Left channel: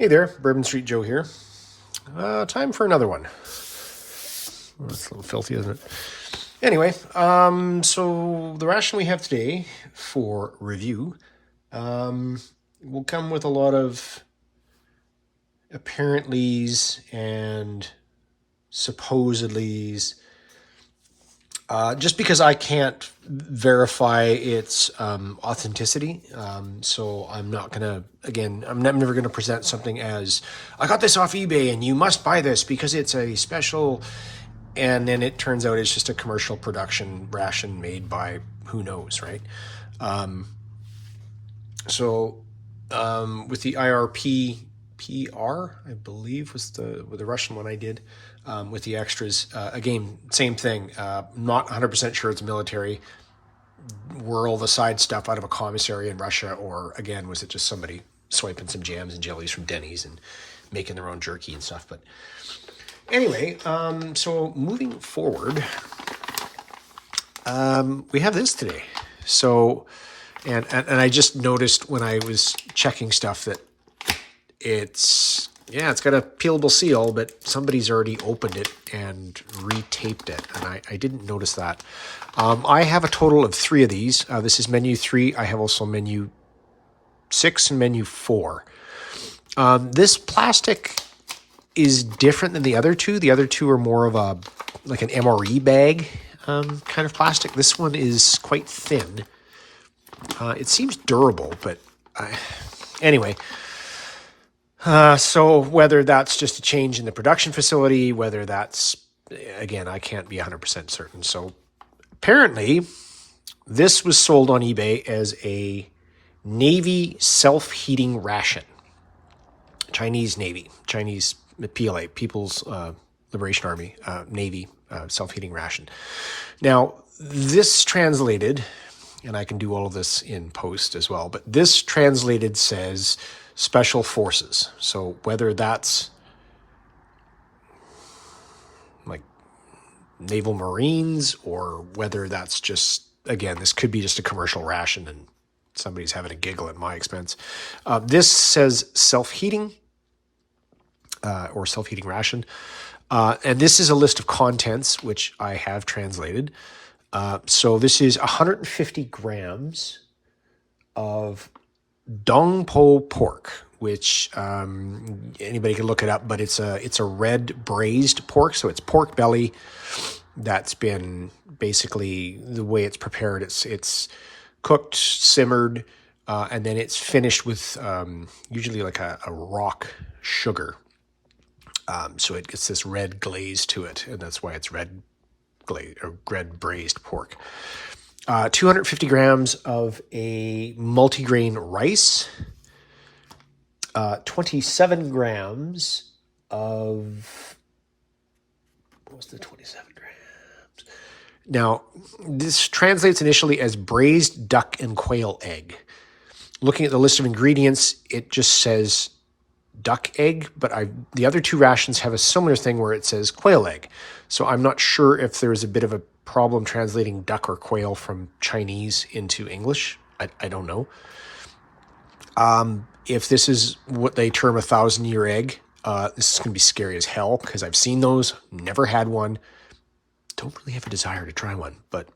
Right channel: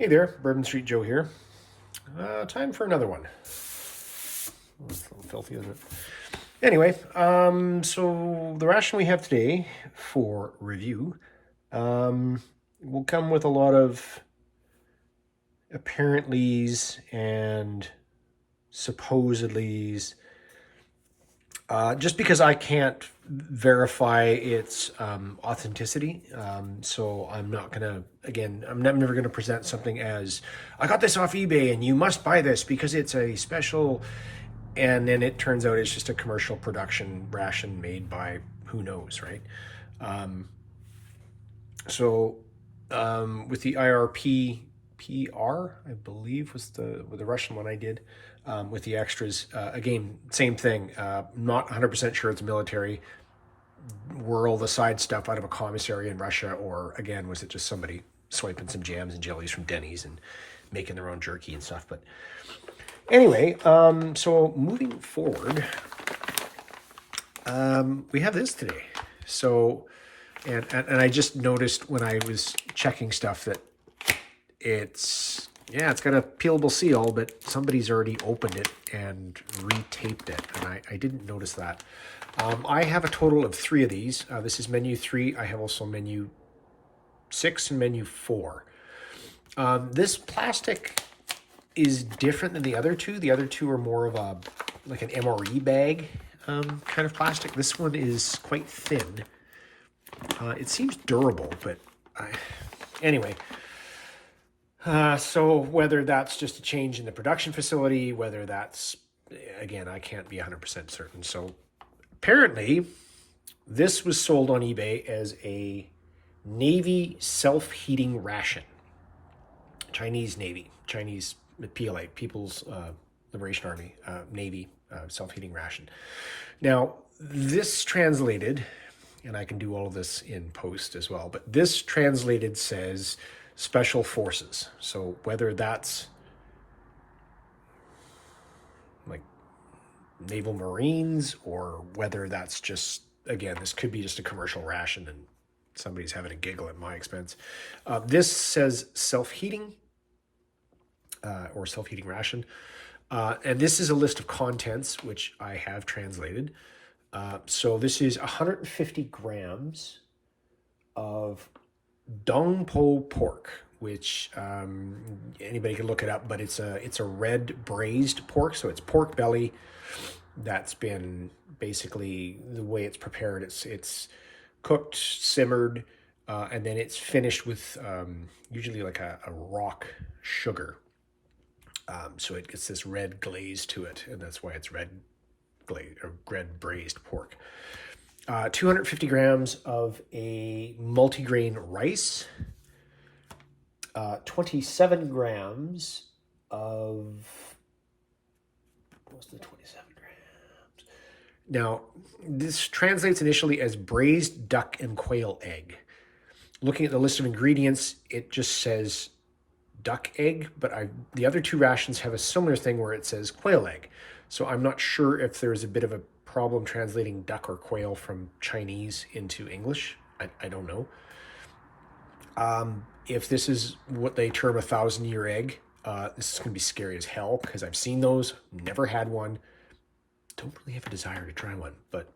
Hey there, Bourbon Street Joe here. Time for another one. Oh, it's a little filthy, isn't it? Anyway, so the ration we have today for review will come with a lot of apparentlys and supposedlys. Just because I can't verify its authenticity, so I'm not gonna. Again, I'm never gonna present something as I got this off eBay and you must buy this because it's a special, and then it turns out it's just a commercial production ration made by who knows, right? So with the IRP PR, I believe was the Russian one I did. With the extras, again, same thing. Not 100% sure it's military. Were all the side stuff out of a commissary in Russia, or again, was it just somebody swiping some jams and jellies from Denny's and making their own jerky and stuff? But anyway, so moving forward, we have this today. So, and I just noticed when I was checking stuff that it's got a peelable seal, but somebody's already opened it and retaped it, and I didn't notice that. I have a total of 3 of these. This is menu 3. I have also menu 6 and menu 4. This plastic is different than the other two. The other two are more of a like an MRE bag kind of plastic. This one is quite thin. It seems durable, but anyway. So whether that's just a change in the production facility, whether that's, again, I can't be 100% certain. So apparently this was sold on eBay as a Navy self-heating ration. Chinese Navy, Chinese PLA, People's Liberation Army, Navy self-heating ration. Now, this translated, and I can do all of this in post as well, but this translated says Special Forces. So whether that's like Naval Marines or whether that's just, again, this could be just a commercial ration and somebody's having a giggle at my expense. This says self-heating or self-heating ration. And this is a list of contents, which I have translated. So this is 150 grams of Dongpo pork, which anybody can look it up, but it's a red braised pork, so it's pork belly that's been basically the way it's prepared. It's cooked, simmered, and then it's finished with usually like a rock sugar. So it gets this red glaze to it, and that's why it's red glaze or red braised pork. 250 grams of a multigrain rice, 27 grams of, what was the 27 grams? Now, this translates initially as braised duck and quail egg. Looking at the list of ingredients, it just says duck egg, but the other 2 rations have a similar thing where it says quail egg. So I'm not sure if there's a bit of a problem translating duck or quail from Chinese into English. I don't know. If this is what they term a 1,000-year egg, this is going to be scary as hell because I've seen those, never had one. Don't really have a desire to try one, but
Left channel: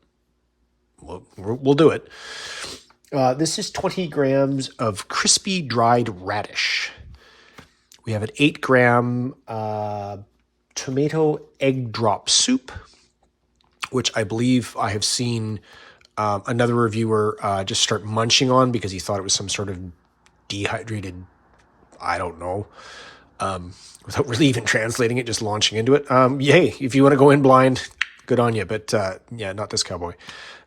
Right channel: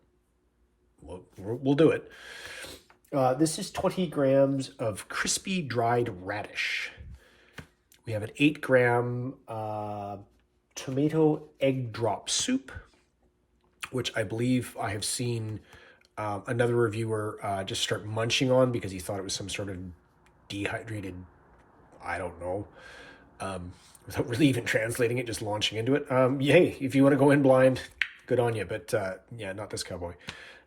we'll do it. This is 20 grams of crispy dried radish. We have an 8-gram tomato egg drop soup, which I believe I have seen another reviewer just start munching on because he thought it was some sort of dehydrated, I don't know, without really even translating it, just launching into it. Yay, if you want to go in blind, good on you, but yeah, not this cowboy.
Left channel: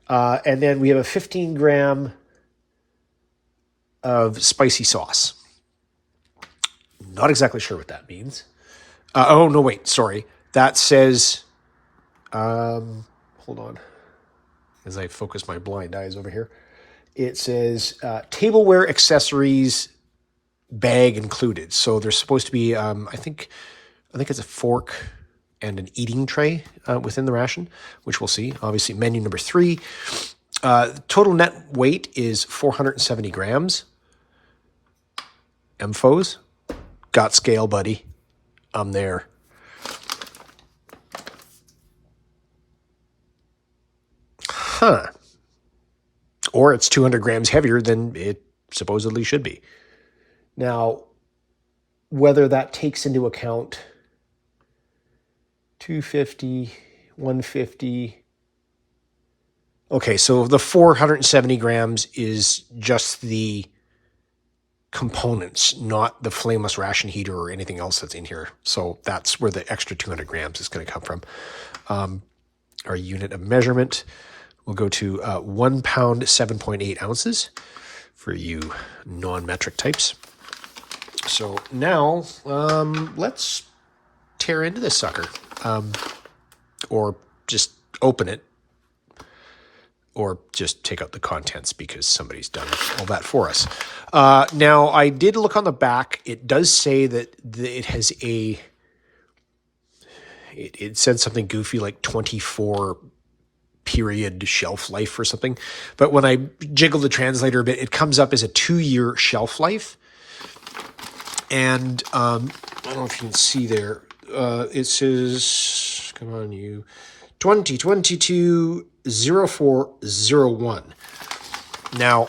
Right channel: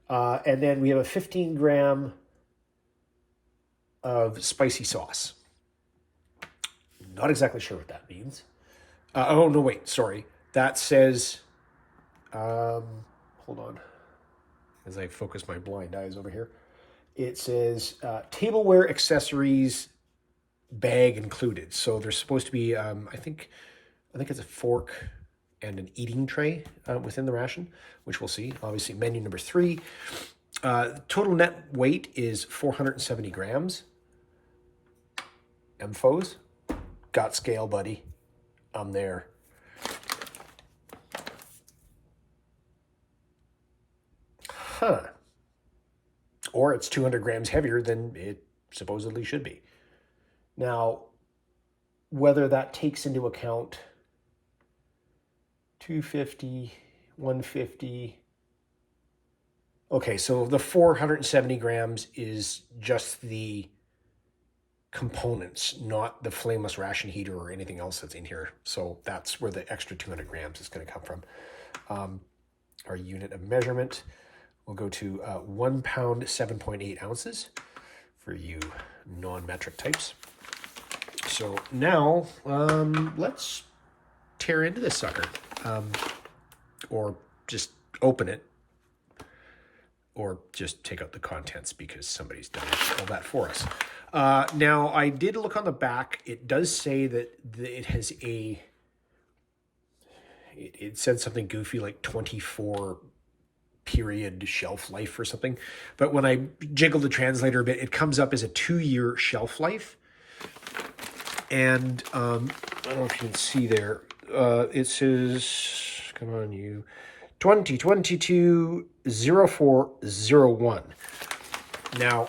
And then we have a 15-gram of spicy sauce. Not exactly sure what that means. Oh, no, wait, sorry. That says, hold on, as I focus my blind eyes over here. It says tableware accessories bag included. So there's supposed to be, I think it's a fork and an eating tray within the ration, which we'll see. Obviously, menu number 3. Total net weight is 470 grams. MFOs. got scale, buddy. I'm there. Huh. Or it's 200 grams heavier than it supposedly should be. Now, whether that takes into account 250, 150. Okay, so the 470 grams is just the components, not the flameless ration heater or anything else that's in here. So that's where the extra 200 grams is going to come from. Our unit of measurement will go to 1 pound, 7.8 ounces for you non-metric types. So now let's tear into this sucker, or just open it, or just take out the contents because somebody's done all that for us. Now, I did look on the back. It does say that it has it said something goofy like 24 period shelf life or something. But when I jiggle the translator a bit, it comes up as a 2-year shelf life. And I don't know if you can see there. It says, come on, you, 2022-0401. Now,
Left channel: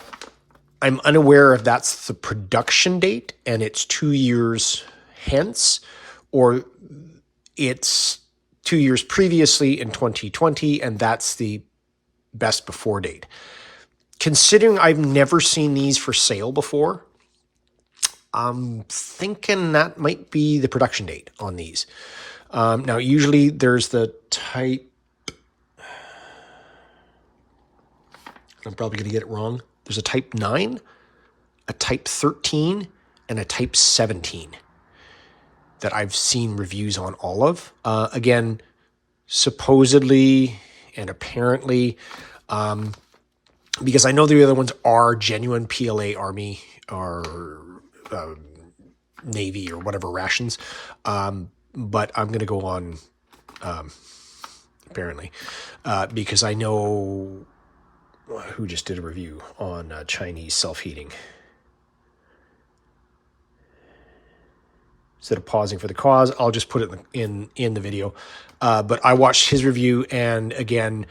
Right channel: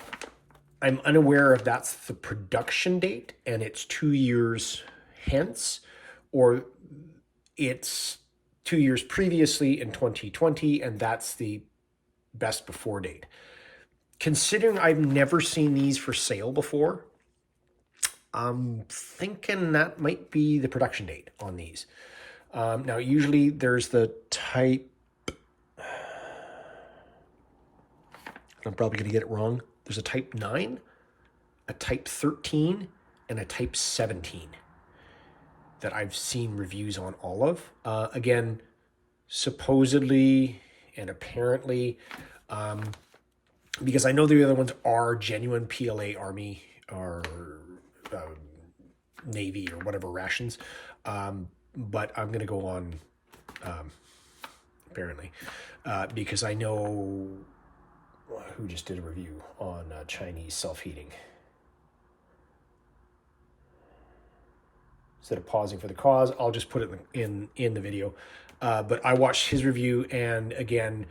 I'm unaware if that's the production date and it's 2 years hence, or it's 2 years previously in 2020 and that's the best before date. Considering I've never seen these for sale before, I'm thinking that might be the production date on these. Now, usually there's the type, I'm probably going to get it wrong. There's a type 9, a type 13, and a type 17 that I've seen reviews on all of. Again, supposedly and apparently, because I know the other ones are genuine PLA Army or Navy or whatever rations, but I'm going to go on apparently because I know who just did a review on Chinese self-heating. Instead of pausing for the cause, I'll just put it in the video. But I watched his review, and again,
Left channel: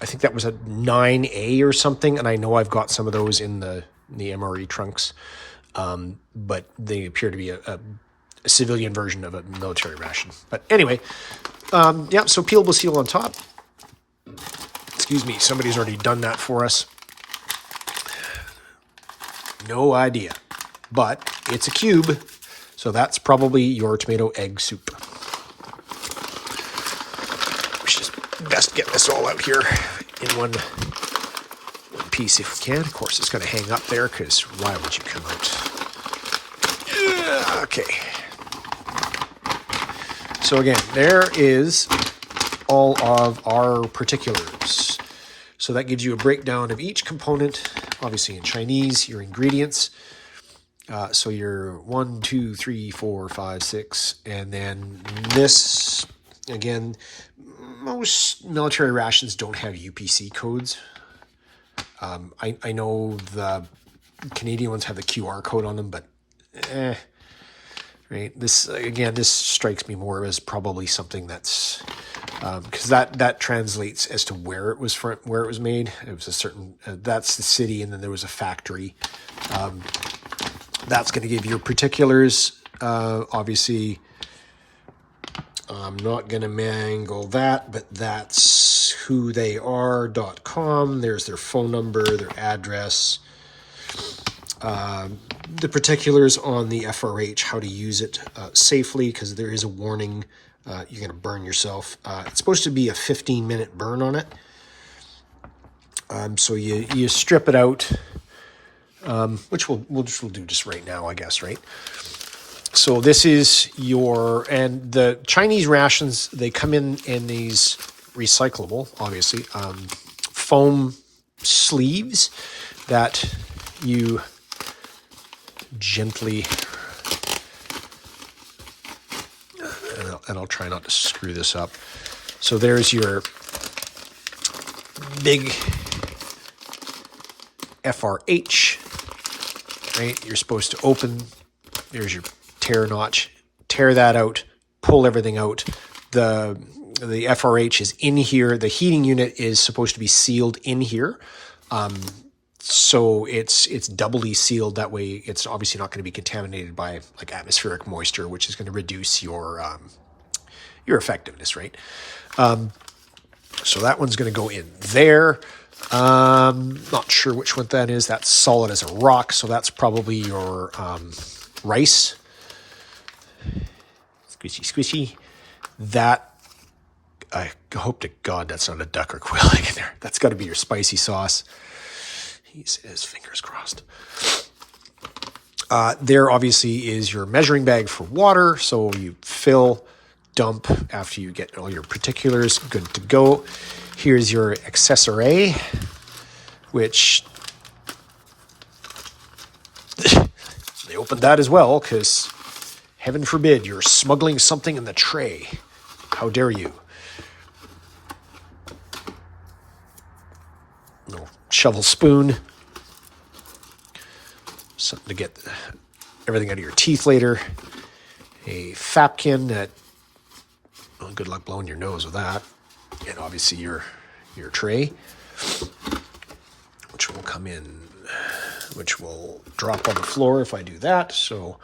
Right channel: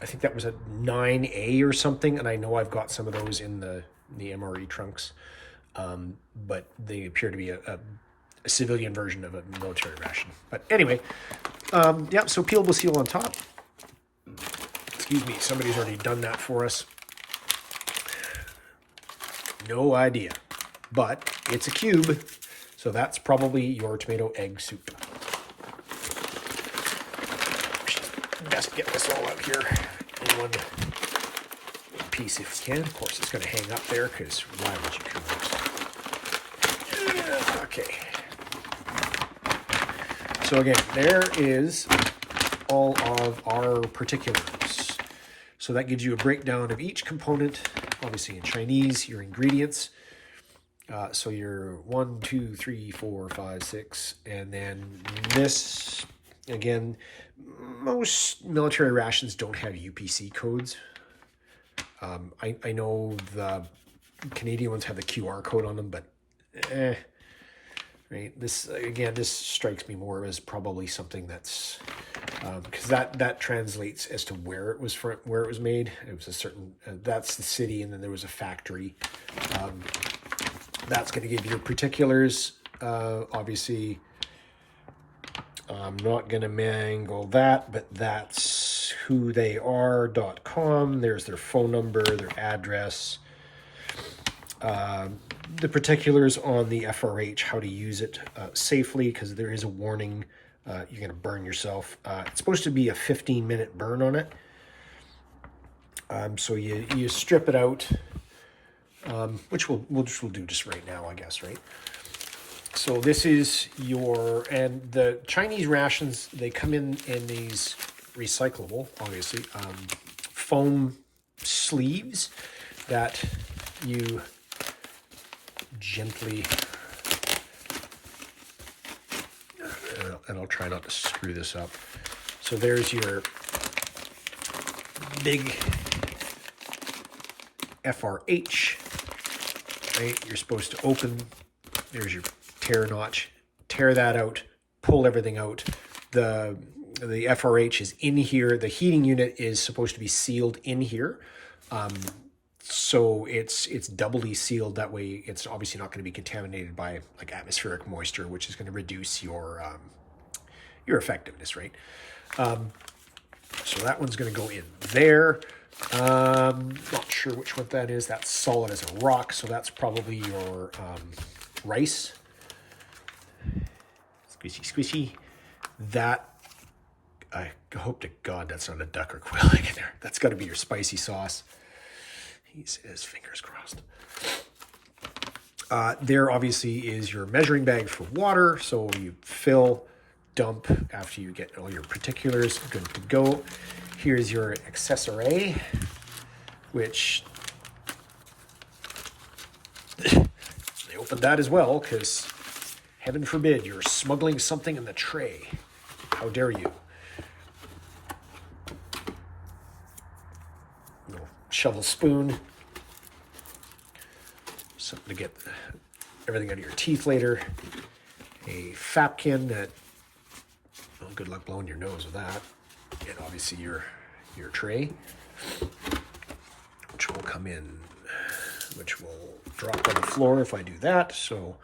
I think that was a 9A or something, and I know I've got some of those in the MRE trunks. But they appear to be a civilian version of a military ration. But anyway, yeah, so peelable seal on top. Excuse me, somebody's already done that for us. No idea. But it's a cube, so that's probably your tomato egg soup. Let's just best get this all out here in one piece if we can. Of course, it's going to hang up there because why would you come out? Okay. So again, there is all of our particulars. So that gives you a breakdown of each component, obviously in Chinese, your ingredients. So your 1, 2, 3, 4, 5, 6, and then this, again, most military rations don't have UPC codes. I know the Canadian ones have the QR code on them, but right. This again, this strikes me more as probably something that's because that translates as to where it was from, where it was made. It was a certain that's the city, and then there was a factory. That's going to give your particulars. Obviously, I'm not going to mangle that, but that's who they are.com. There's their phone number, their address, the particulars on the FRH, how to use it safely, because there is a warning. You're going to burn yourself. It's supposed to be a 15-minute burn on it. So you strip it out, which we'll do just right now, I guess, right? So this is and the Chinese rations, they come in these recyclable, obviously, foam sleeves that you gently, and I'll try not to screw this up. So there's your big FRH, right? You're supposed to open, there's your tear notch, tear that out, pull everything out. The FRH is in here. The heating unit is supposed to be sealed in here. So it's doubly sealed. That way it's obviously not going to be contaminated by like atmospheric moisture, which is going to reduce your effectiveness, right? So that one's going to go in there. Not sure which one that is. That's solid as a rock, so that's probably your rice. Squishy, squishy. That, I hope to God that's not a duck or quail egg in there. That's got to be your spicy sauce. He says, fingers crossed. There obviously is your measuring bag for water, so you fill, dump after you get all your particulars, good to go. Here's your accessory, which they opened that as well, because heaven forbid you're smuggling something in the tray. How dare you? Little shovel spoon. Something to get everything out of your teeth later. A Fapkin that, well, good luck blowing your nose with that. And obviously your tray, which will come in, which will drop on the floor if I do that. So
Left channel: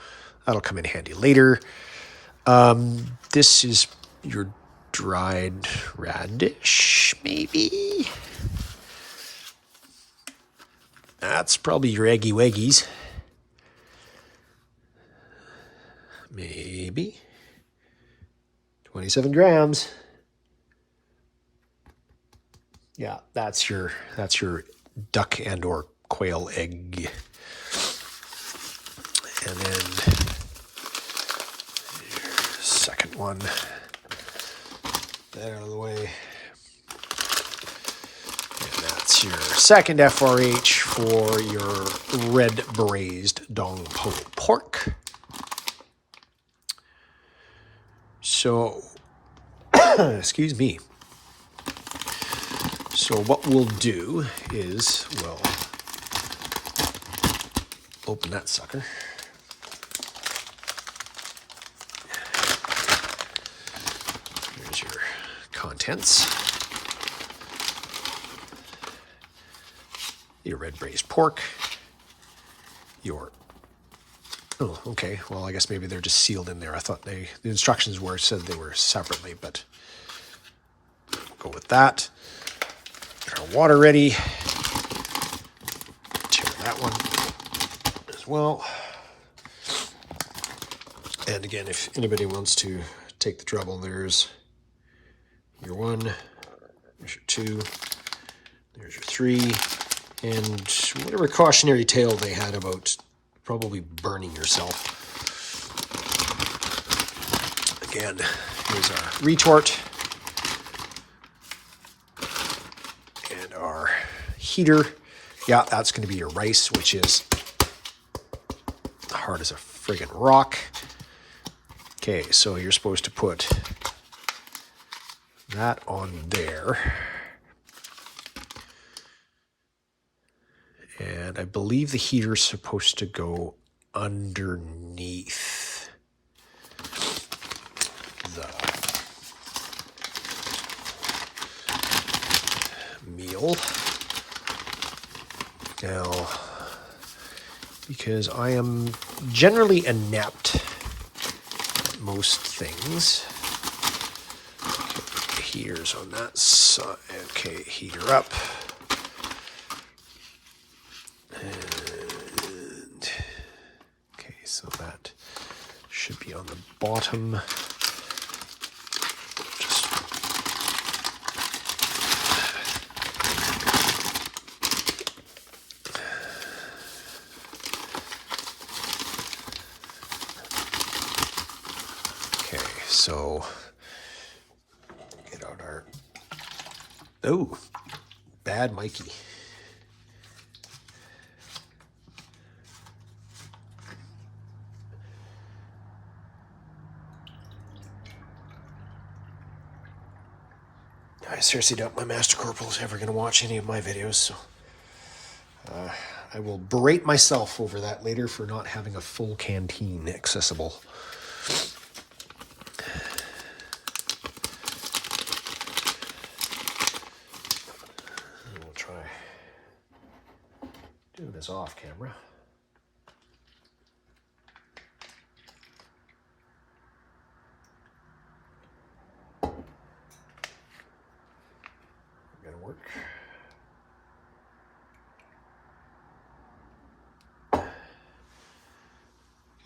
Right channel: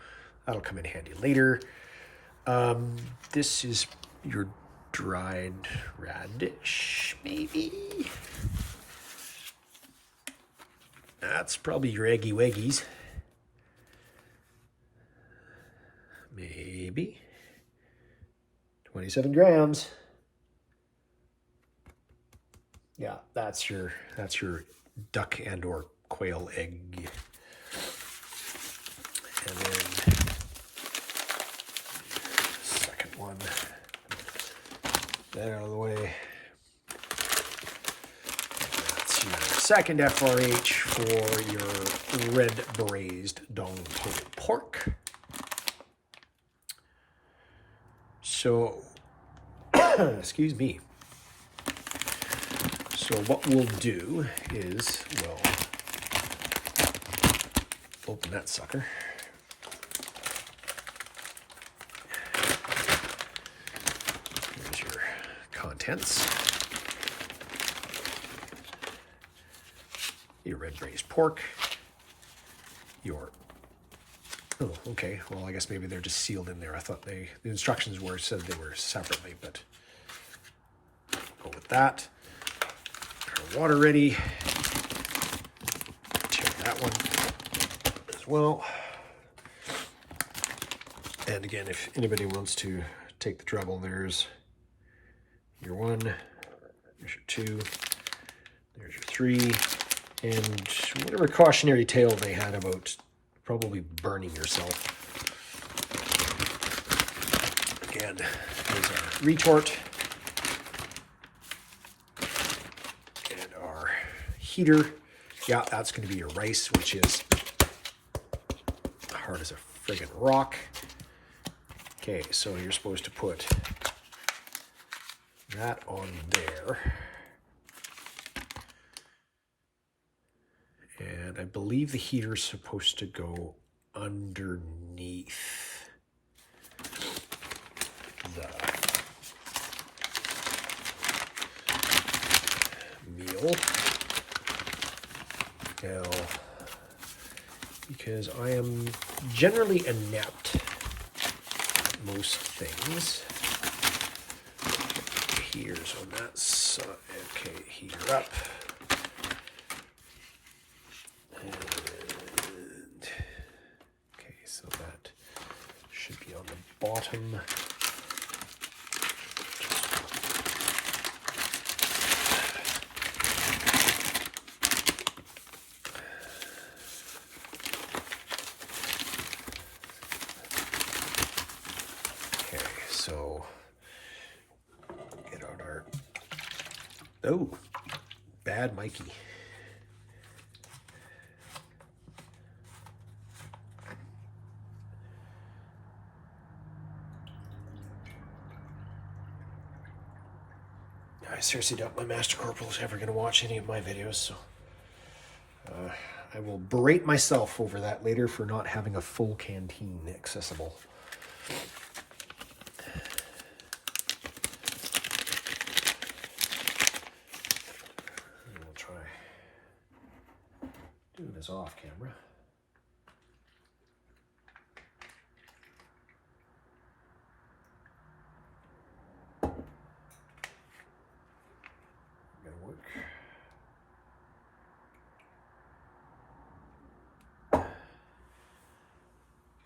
that'll come in handy later. This is your dried radish, maybe? That's probably your eggy weggies. Maybe. 27 grams. Yeah, that's your duck and or quail egg. And then second one. That out of the way. And that's your second FRH for your red braised Dongpo pork. So, excuse me. So what we'll do is we'll open that sucker. Here's your contents. Your red braised pork. Your, oh, okay. Well, I guess maybe they're just sealed in there. I thought the instructions said they were separately, but go with that. Our water ready. Tear that one as well. And again, if anybody wants to take the trouble, there's your one, there's your two, there's your three, and whatever cautionary tale they had about probably burning yourself. Again, here's our retort. And our heater. Yeah, that's going to be your rice, which is hard as a friggin' rock. Okay, so you're supposed to put that on there. And I believe the heater's supposed to go underneath the meal. Now, because I am generally inept at most things. Heaters on that side. Okay, heater up. And okay, so that should be on the bottom. So get out our, oh, bad Mikey. I seriously doubt my Master Corporal is ever going to watch any of my videos, so I will berate myself over that later for not having a full canteen accessible. We'll try doing this off camera. Gonna work.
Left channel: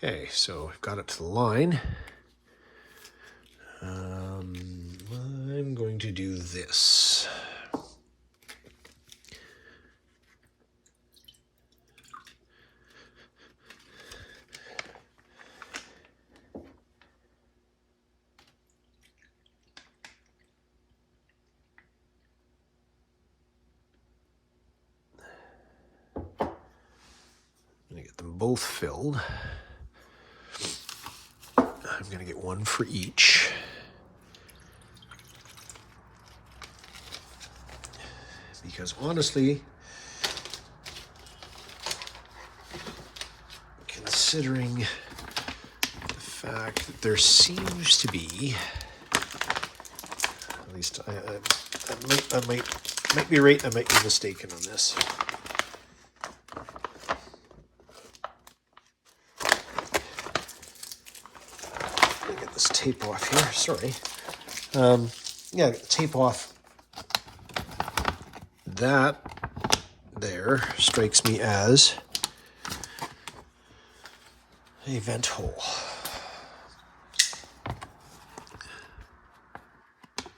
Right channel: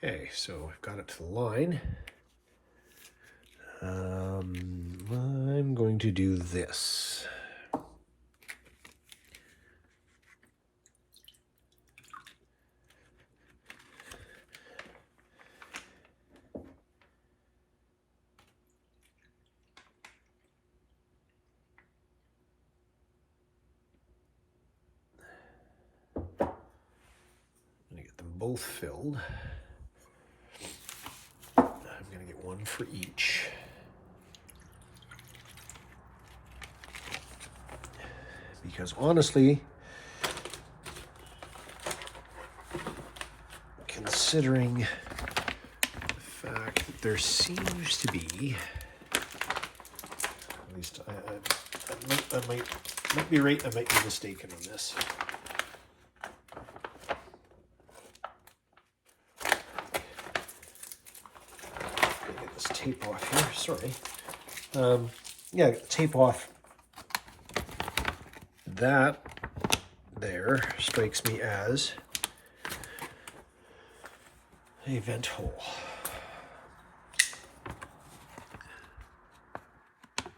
Okay, so I've got it to the line. I'm going to do this. Both filled. I'm going to get one for each. Because honestly, considering the fact that there seems to be, at least I might be right, I might be mistaken on this. Tape off here, sorry. Yeah, tape off. That there strikes me as a vent hole.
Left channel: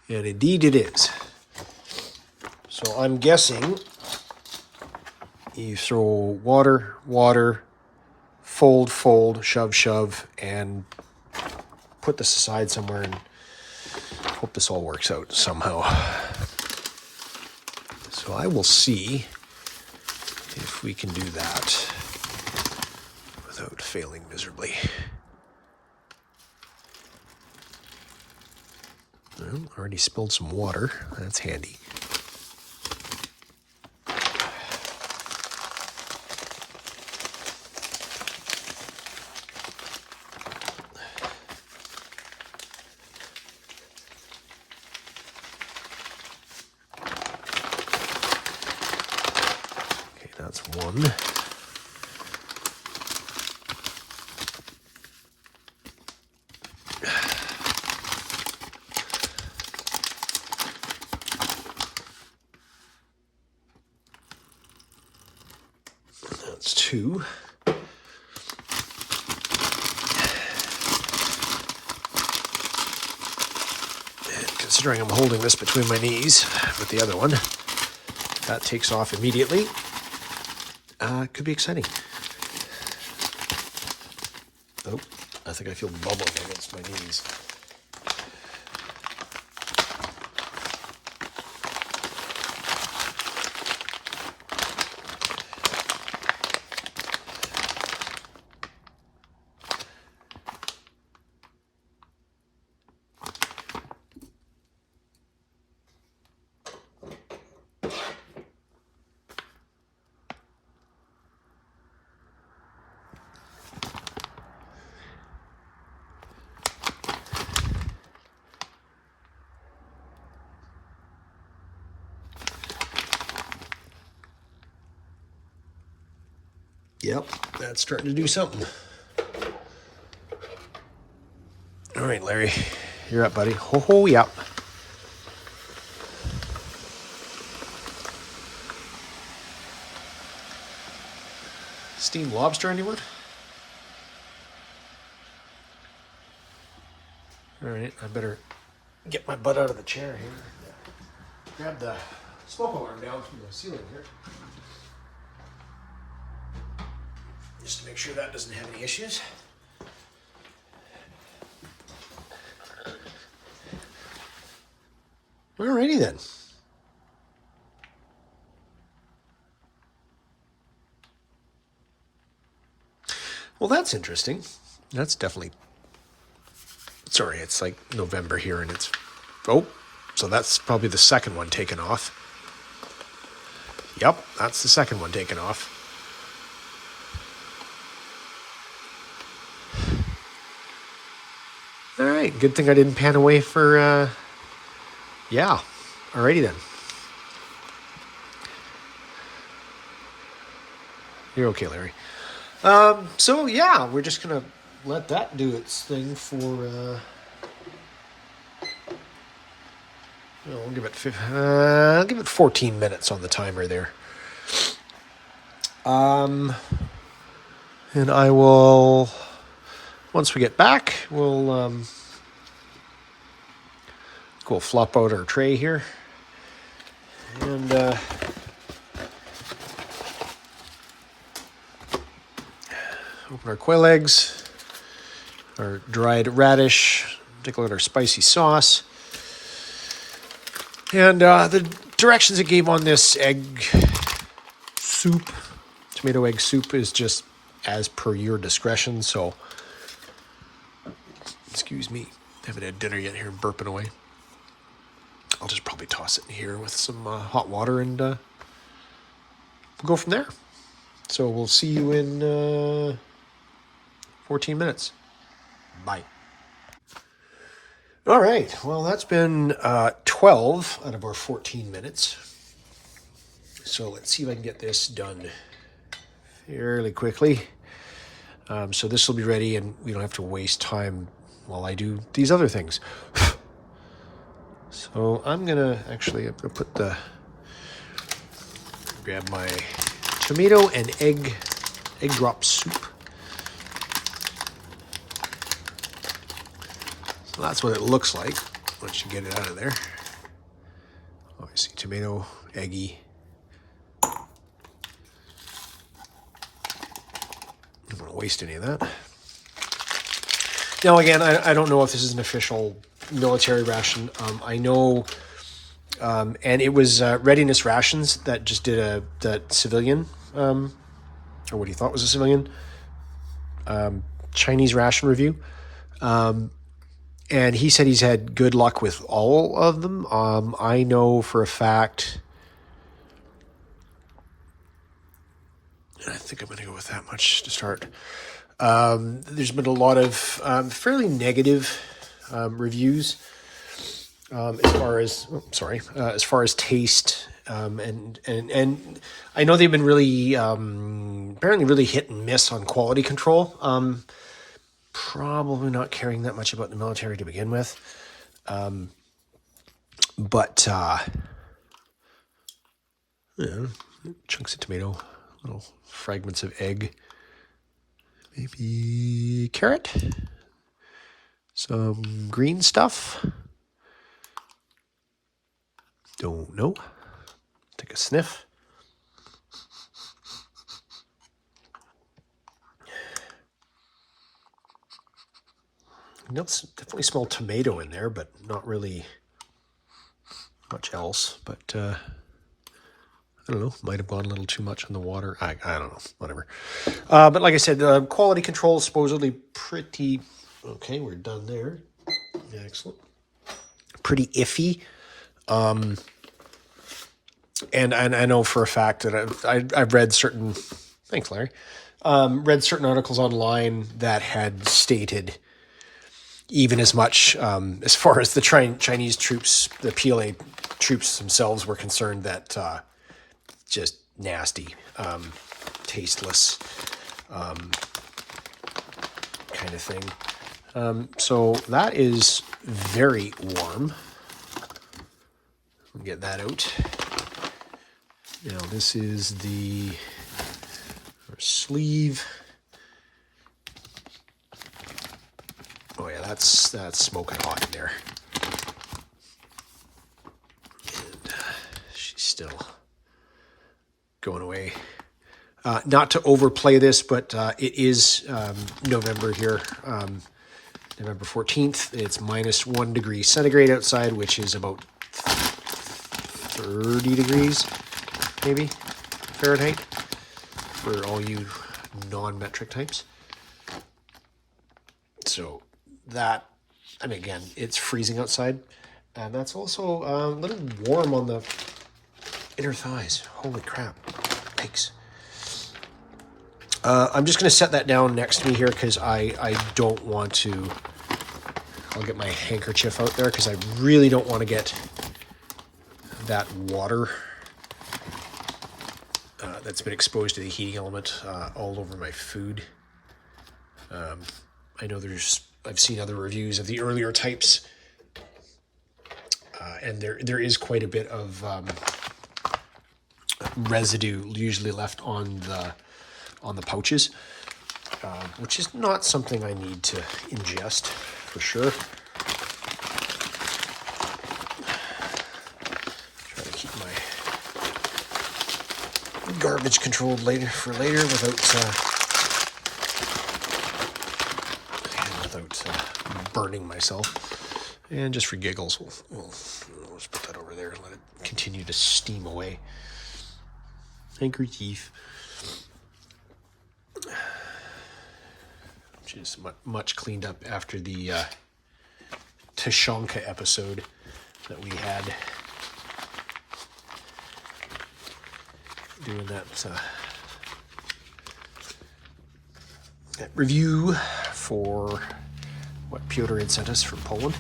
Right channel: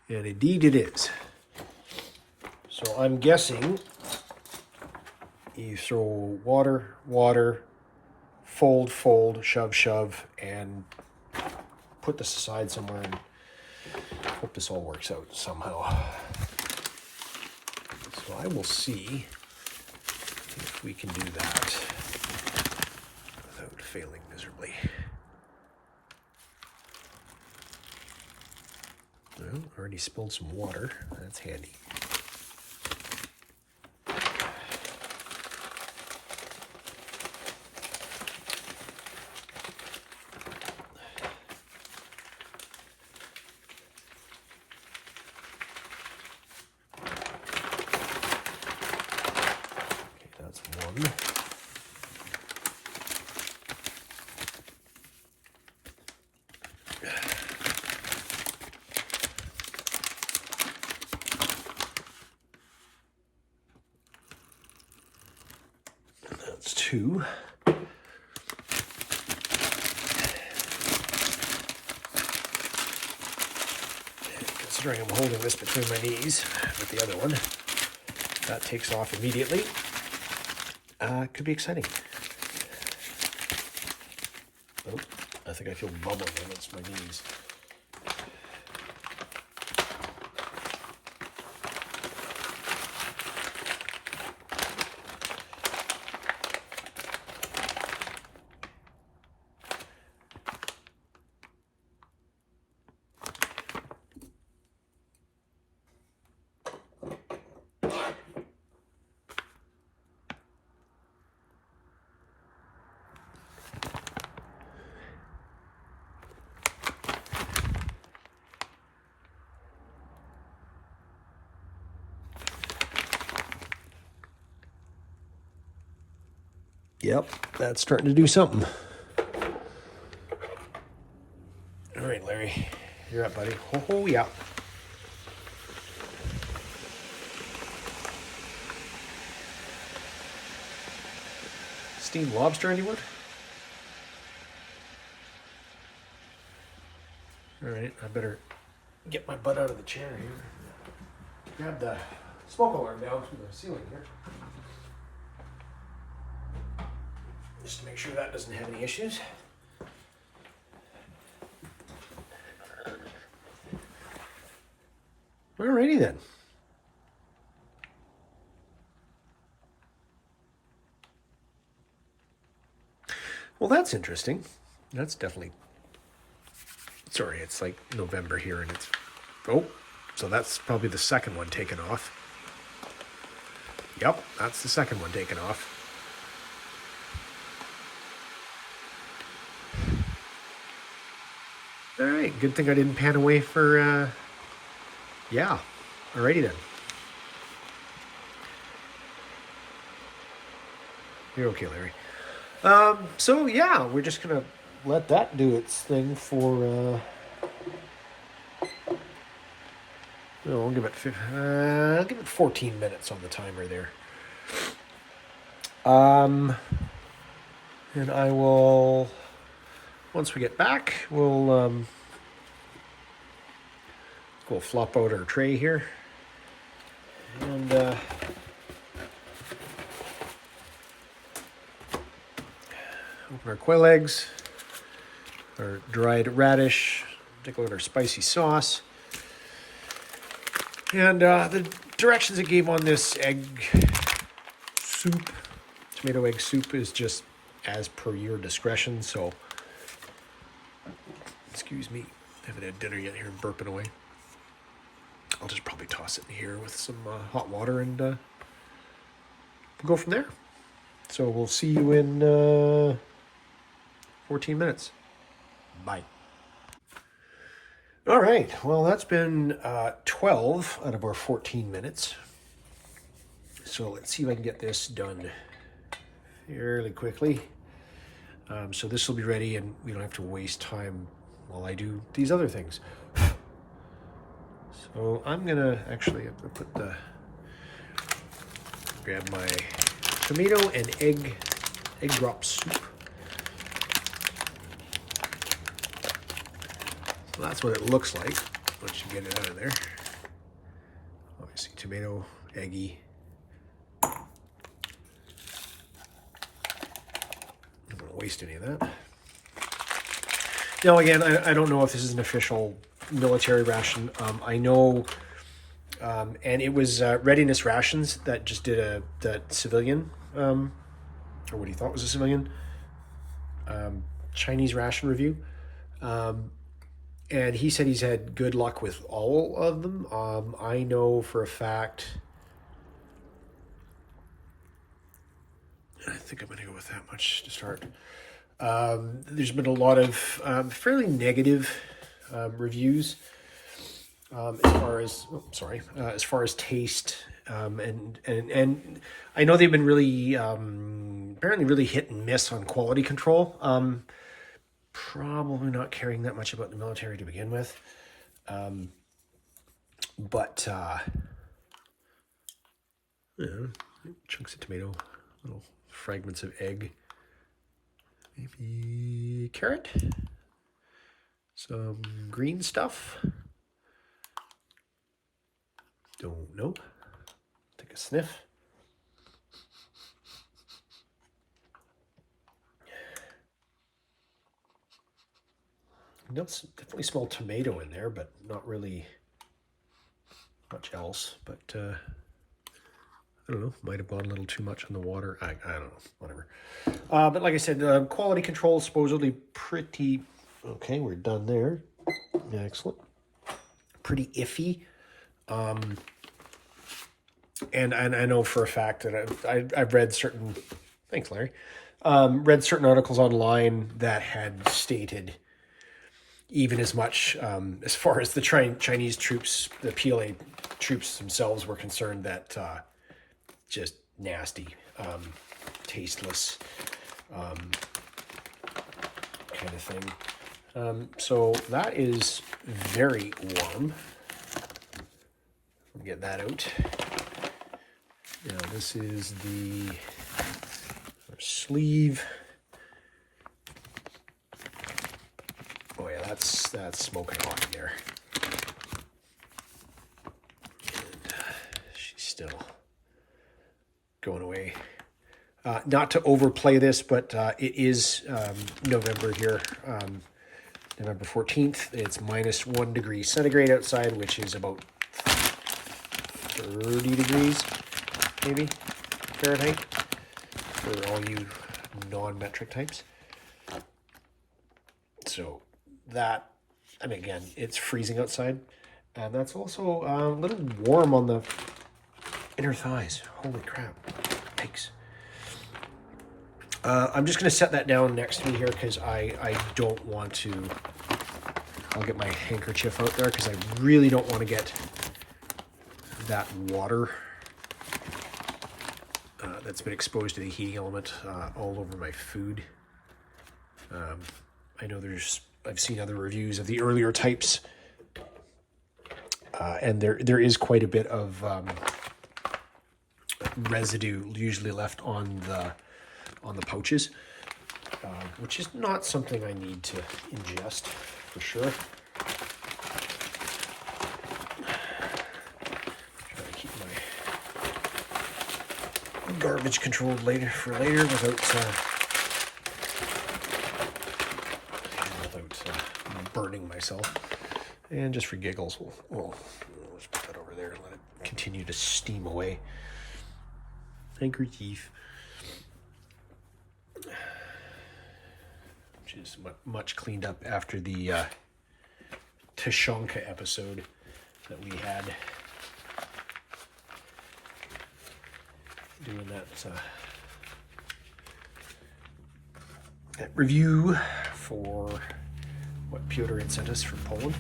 And indeed it is. So I'm guessing you throw water, water, fold, fold, shove, shove, and put this aside somewhere and hope this all works out somehow. So I will see if we can do that without failing miserably. Well, already spilled some water. That's handy. One. That's two. And considering I'm holding this between my knees with the other one, that takes off immediately. It could be exciting. Oh, I think I feel bubbling against my knees. Yep, that's starting to do something. All right, Larry, you're up, buddy. Ho ho, yep. Steamed lobster, anyone? All right, I better get my butt out of the chair here. Grab the smoke alarm down from the ceiling here. Just to make sure that doesn't have any issues. Alrighty then. Well, that's interesting. That's definitely... Sorry, it's like November here and it's... Oh, so that's probably the second one taken off. Yep, that's the second one taken off. right, good thing I didn't pan away for, yeah. Alrighty then. You're okay, Larry. So yeah, we're just gonna let that do its thing for, I'll give it 14 minutes on the timer there. And I will, once we get back, we'll flop out our tray here. And open our quail eggs, our dried radish, take a look at our spicy sauce. And the directions it gave on this egg soup, tomato egg soup, is just as per your discretion. So, excuse me, haven't had dinner yet here and burping away. I'll just probably toss it in here with some hot water and we'll go from there. So we'll see you in 14 minutes. Bye. All right, well, that's been 12 out of our 14 minutes. So let's see if I can get this done fairly quickly. So this will be ready and we don't have to waste time while I do these other things. So I'm gonna grab my tomato and egg drop soup. So that's what it looks like once you get it out of there. Obviously tomato, eggy. I don't want to waste any of that. Now again, I don't know if this is an official military ration. I know, and it was Readiness Rations that just did that civilian, or what he thought was a civilian, Chinese ration review. And he said he's had good luck with all of them. I know for a fact, I think I'm going to go with that much to start. There's been a lot of fairly negative reviews as far as taste, and I know they've been really apparently really hit and miss on quality control. Probably not caring that much about the military to begin with, but chunks of tomato, little fragments of egg, maybe carrot, some green stuff. Don't know. Take a sniff. Definitely smell tomato in there, but not really much else. But I don't know. Might have gone a little too much on the water. I don't know. Whatever. But like I said, quality control is supposedly pretty... Okay, we're done there. Excellent. Pretty iffy. And I know for a fact that I've read certain... Thanks, Larry. Read certain articles online that had stated even as much as far as the Chinese troops, the PLA troops themselves were concerned, that just nasty, tasteless kind of thing. So that is very warm. Get that out. Now this is our sleeve. Oh yeah, that's smoking hot in there. And she's still going away. Not to overplay this, but it is November here, November 14th. It's -1 degree centigrade outside, which is about 30 degrees, maybe, Fahrenheit, for all you non-metric types. So that, I mean, again, it's freezing outside. And that's also a little warm on the inner thighs. Holy crap. Yikes. I'm just going to set that down next to me here because I don't want to I'll get my handkerchief out there because I really don't want to get that water that's been exposed to the heating element all over my food. I know I've seen other reviews of the earlier types, and there is quite a bit of residue usually left on the pouches, which is not something I need to ingest for sure. Try to keep my garbage controlled for later without burning myself. And just for giggles, we'll just put that over there and let it continue to steam away. Handkerchief. Which is much cleaned up after the Tushonka episode that we had. Doing that review for what Piotr had sent us from Poland.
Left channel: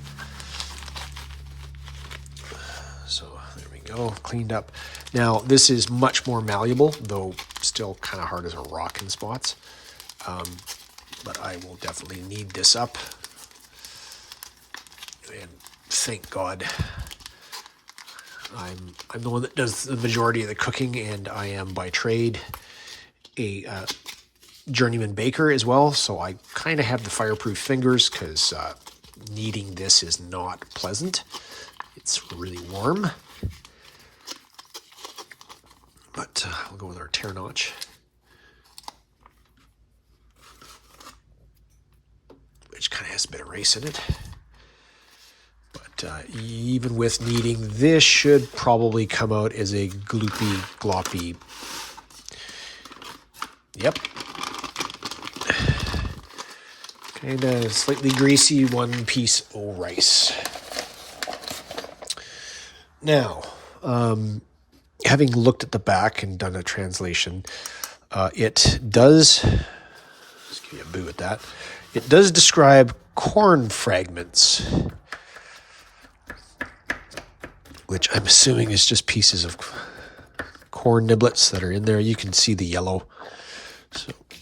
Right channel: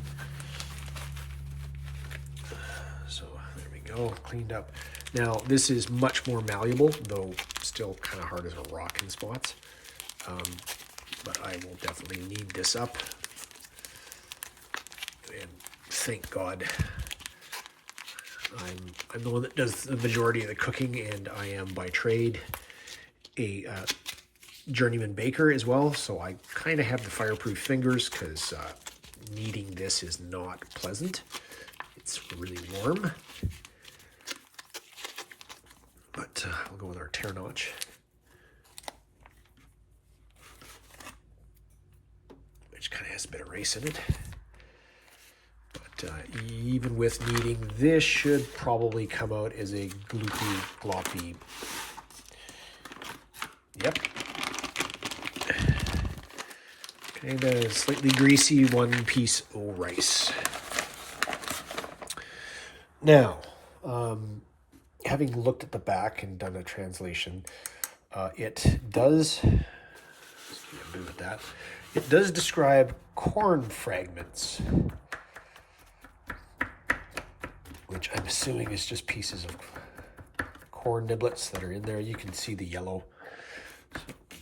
So there we go, cleaned up. Now this is much more malleable, though still kind of hard as a rock in spots. But I will definitely knead this up. And thank God I'm the one that does the majority of the cooking, and I am by trade a journeyman baker as well, so I kind of have the fireproof fingers because kneading this is not pleasant. It's really warm. But we'll go with our tear notch. Which kind of has a bit of race in it. But even with kneading, this should probably come out as a gloopy, gloppy. Yep. Kind of slightly greasy one piece of rice. Now, having looked at the back and done a translation, it does, just give me a boo at that, it does describe corn fragments, which I'm assuming is just pieces of corn niblets that are in there. You can see the yellow, so you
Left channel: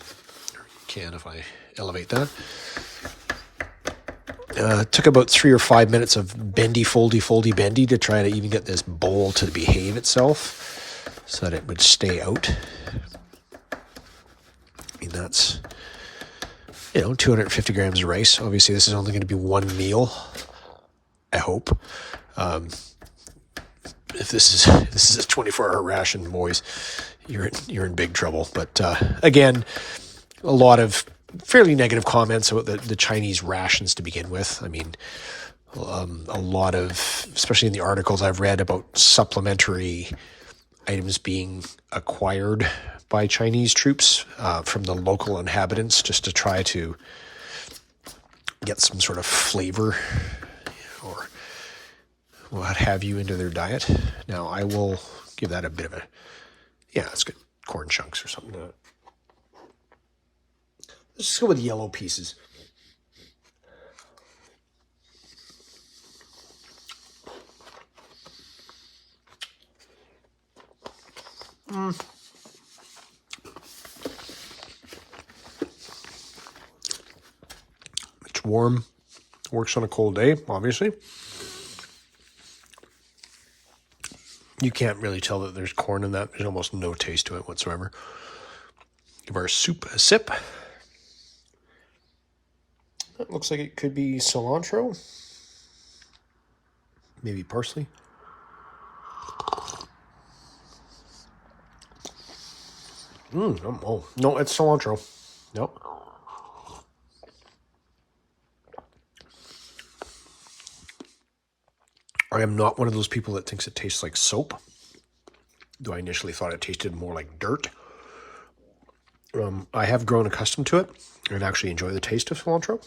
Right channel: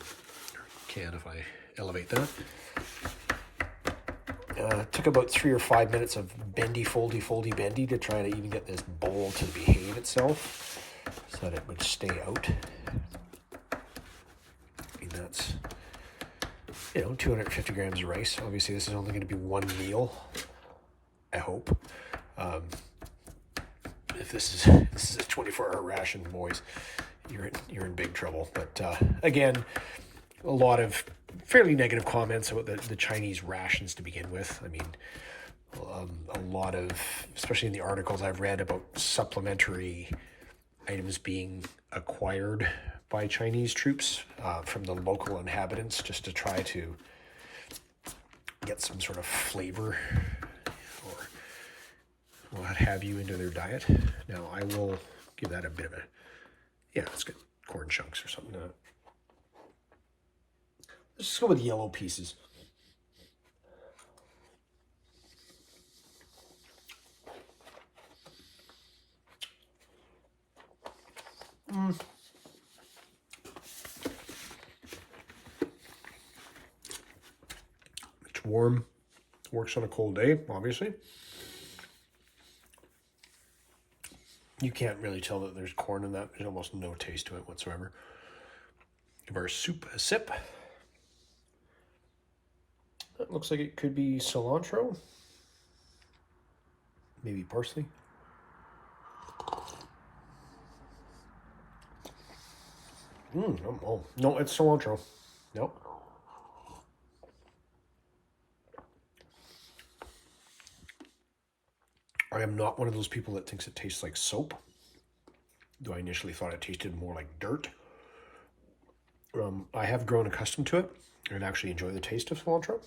can if I elevate that. It took about 3 or 5 minutes of bendy, foldy, bendy to try to even get this bowl to behave itself so that it would stay out. And that's, 250 grams of rice. Obviously, this is only going to be one meal, I hope. If this is a 24-hour ration, boys, you're in big trouble. But again, a lot of fairly negative comments about the Chinese rations to begin with. I mean, a lot of, especially in the articles I've read about supplementary items being acquired by Chinese troops from the local inhabitants just to try to get some sort of flavor or what have you into their diet. Now, I will give that a bit of a, it's good, corn chunks or something. Let's just go with yellow pieces. It's warm. Works on a cold day, obviously. You can't really tell that there's corn in that. There's almost no taste to it whatsoever. Give our soup a sip. It looks like it could be cilantro. Maybe parsley. No, it's cilantro. Nope. I am not one of those people that thinks it tastes like soap, though I initially thought it tasted more like dirt. I have grown accustomed to it and actually enjoy the taste of cilantro.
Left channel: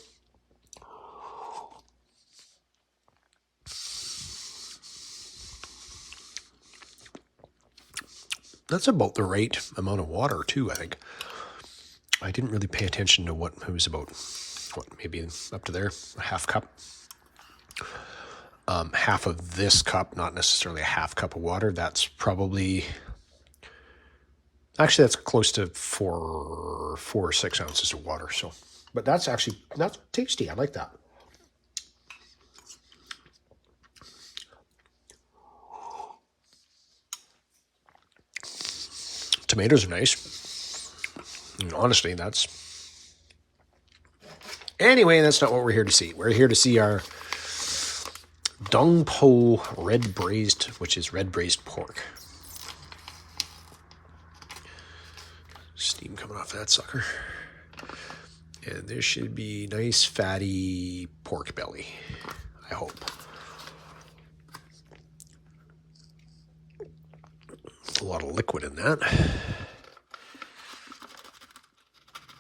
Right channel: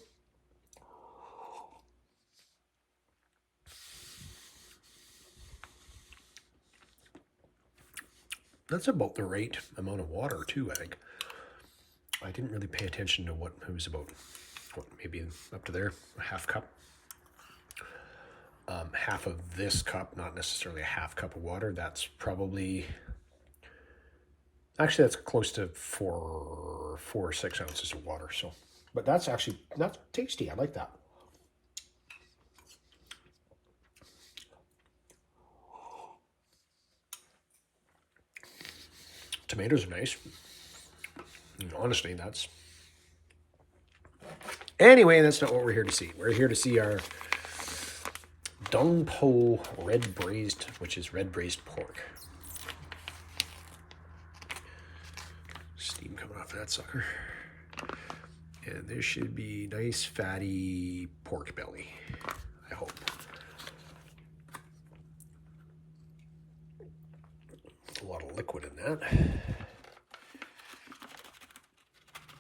That's about the right amount of water, too, I think. I didn't really pay attention to what it was about. Maybe up to there, a half cup. half of this cup, not necessarily a half cup of water. That's probably, actually that's close to 4 or 6 ounces of water. So, but that's tasty. I like that. Tomatoes are nice. And honestly, anyway, that's not what we're here to see. We're here to see our Dongpo red braised, which is red braised pork. Steam coming off that sucker. And there should be nice fatty pork belly, I hope. A lot of liquid in that.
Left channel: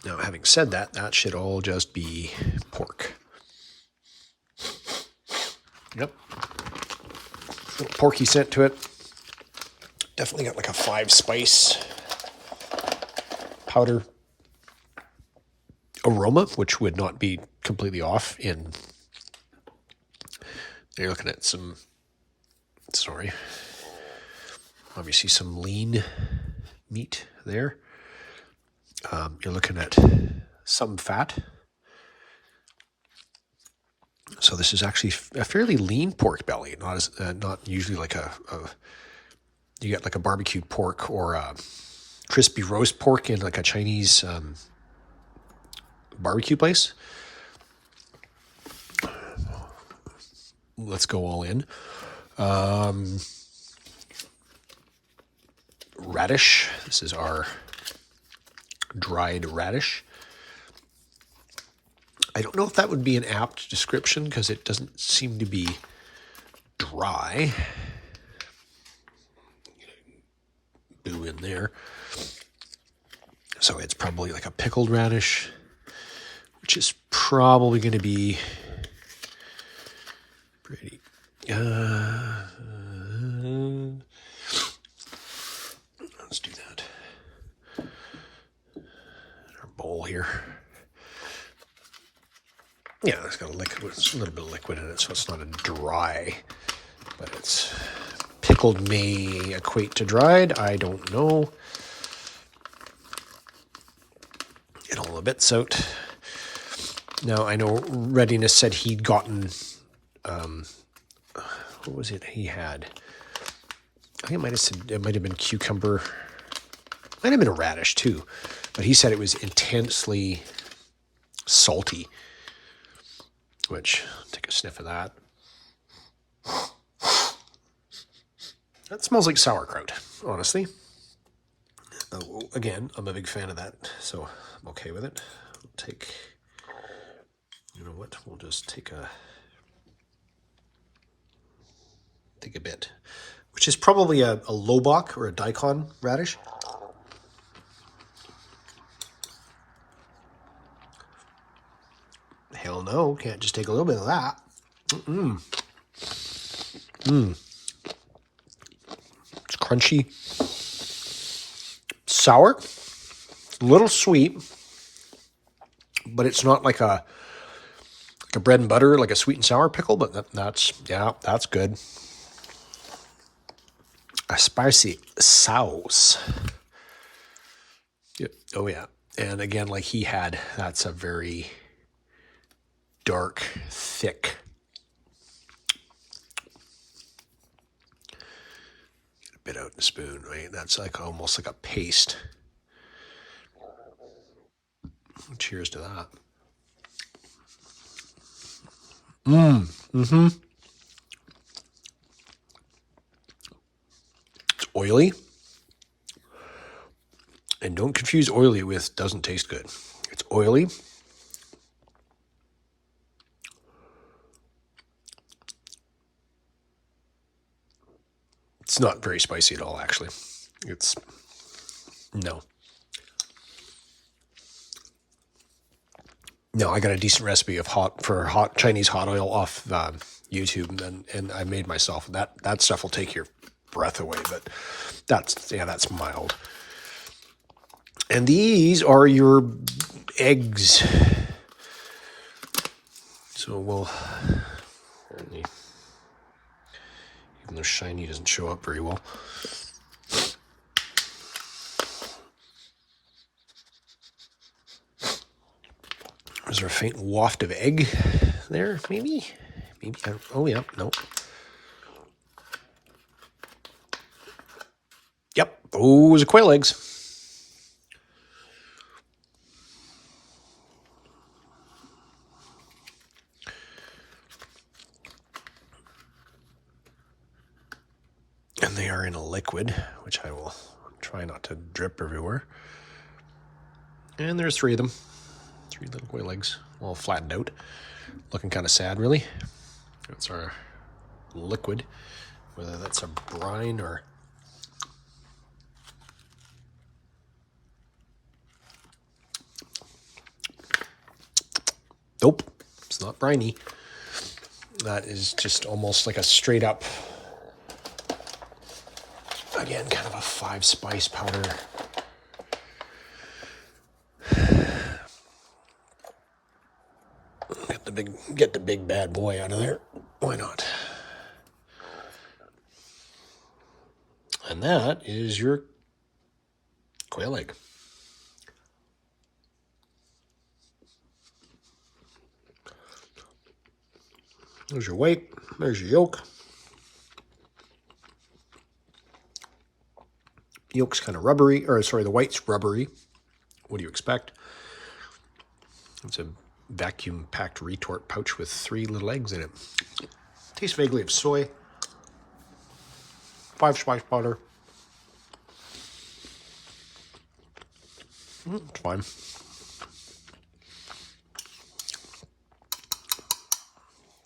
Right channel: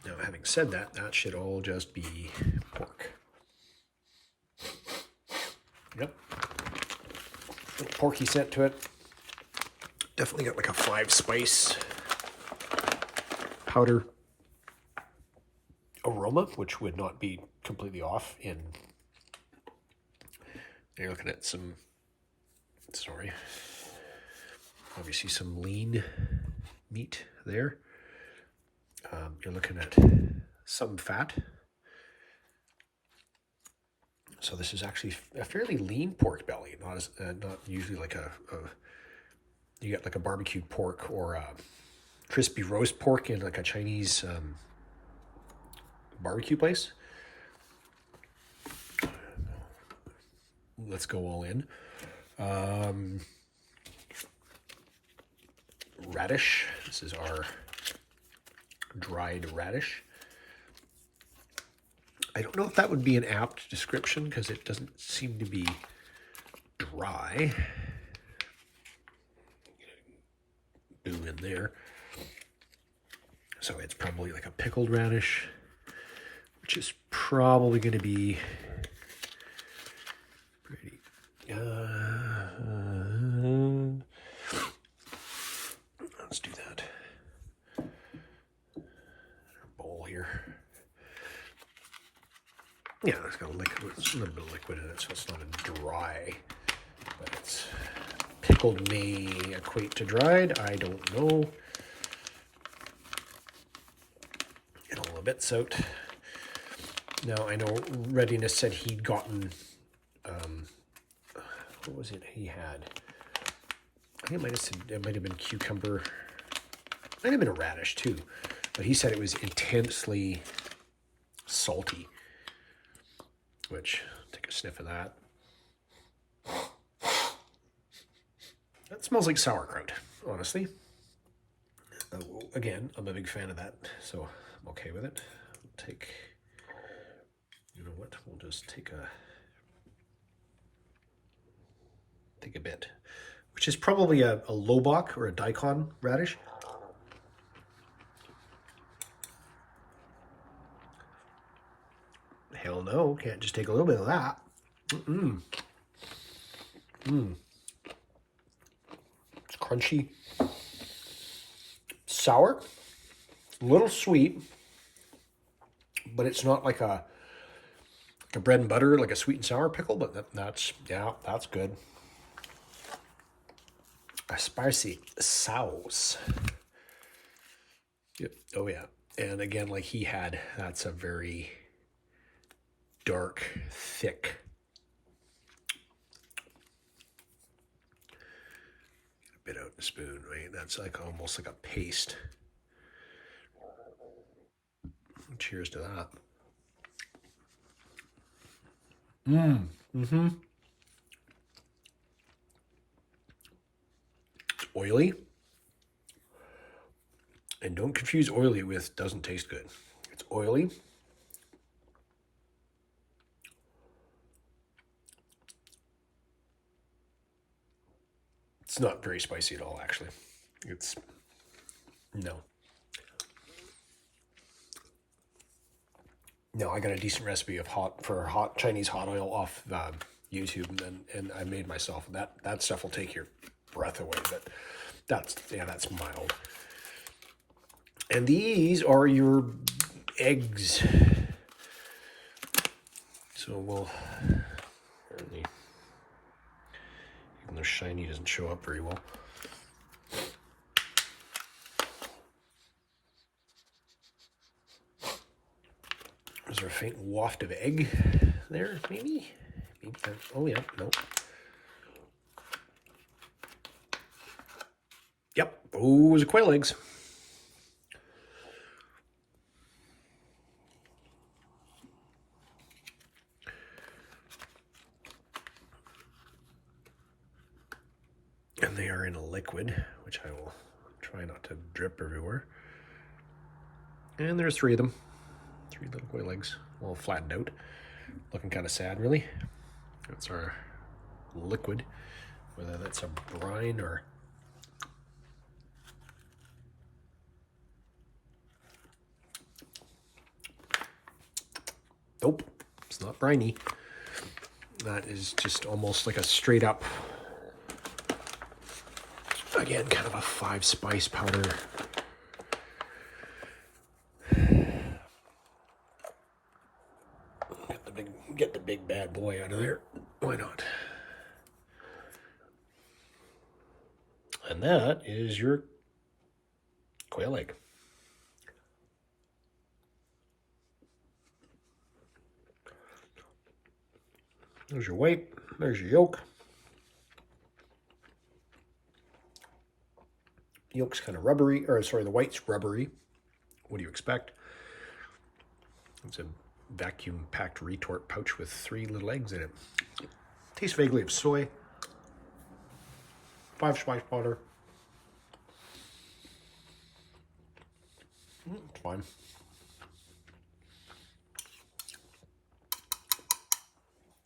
Now, having said that, that should all just be pork. Yep. A little porky scent to it. Definitely got like a 5-spice powder aroma, which would not be completely off in. You're looking at some, obviously some lean meat there. You're looking at some fat. So this is actually a fairly lean pork belly, not usually like you get like a barbecued pork or a crispy roast pork in like a Chinese barbecue place. Let's go all in. Radish. This is our dried radish. I don't know if that would be an apt description because it doesn't seem to be dry. Boo in there. So it's probably like a pickled radish, which is probably going to be pretty. Let's do that. Our bowl here. Yeah, it's got a little bit of liquid in it, so it's not a dry, but it's pickled may equate to dried. I don't know. Get all the bits out. Now, I know Readiness said he'd gotten, what was it he had? I think it might have been cucumber. Might have been a radish too, but he said it was intensely salty, which, take a sniff of that. That smells like sauerkraut, honestly. Again, I'm a big fan of that, so I'm okay with it. You know what? We'll just take a bit, which is probably a lobak or a daikon radish. Hell no, can't just take a little bit of that. It's crunchy, sour, a little sweet, but it's not like a bread and butter, like a sweet and sour pickle, but that's good. A spicy sauce. Yep. Oh yeah. And again, like he had, that's a very dark, thick. Get a bit out in the spoon, right? That's like almost like a paste. Cheers to that. It's oily. And don't confuse oily with doesn't taste good. It's oily. It's not very spicy at all, actually. No, I got a decent recipe of hot Chinese hot oil off YouTube, and I made myself. That stuff will take your breath away, but that's mild. And these are your eggs. So we'll Something that's shiny doesn't show up very well. Is there a faint waft of egg there? Maybe? Maybe. Oh, yeah. No. Yep. Those are quail eggs. And they are in a liquid, which I will try not to drip everywhere. And there's 3 of them. 3 little quail eggs, all flattened out. Looking kind of sad, really. That's our liquid. Whether that's a brine or... Nope, it's not briny. That is just almost like a straight up, again, kind of a 5-spice powder. Get the big bad boy out of there. Why not? And that is your quail egg. There's your white. There's your yolk. Yolk's kind of rubbery, or sorry, the white's rubbery. What do you expect? It's a vacuum-packed retort pouch with 3 little eggs in it. Tastes vaguely of soy. 5-spice powder. It's fine.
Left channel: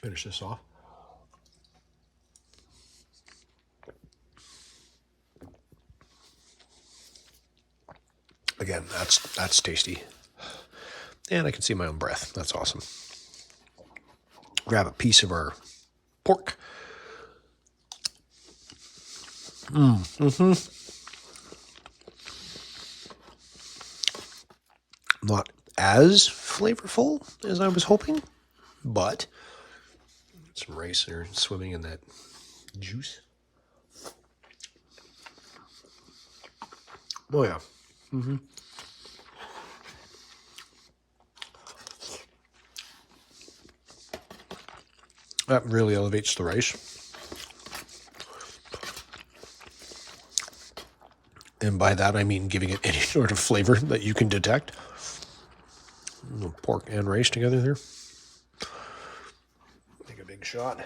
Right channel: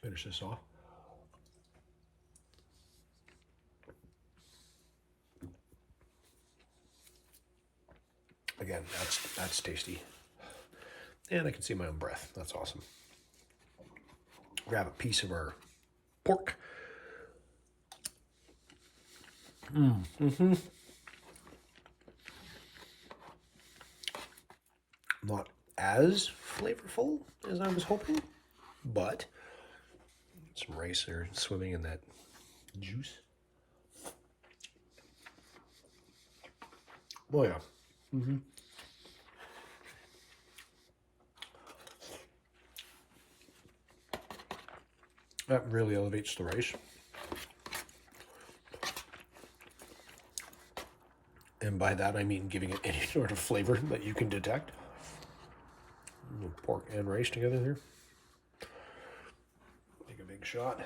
Finish this off. Again, that's tasty. And I can see my own breath. That's awesome. Grab a piece of our pork. Not as flavorful as I was hoping, but some rice there swimming in that juice. Oh yeah. That really elevates the rice. And by that I mean giving it any sort of flavor that you can detect. Pork and rice together there. Take a big shot.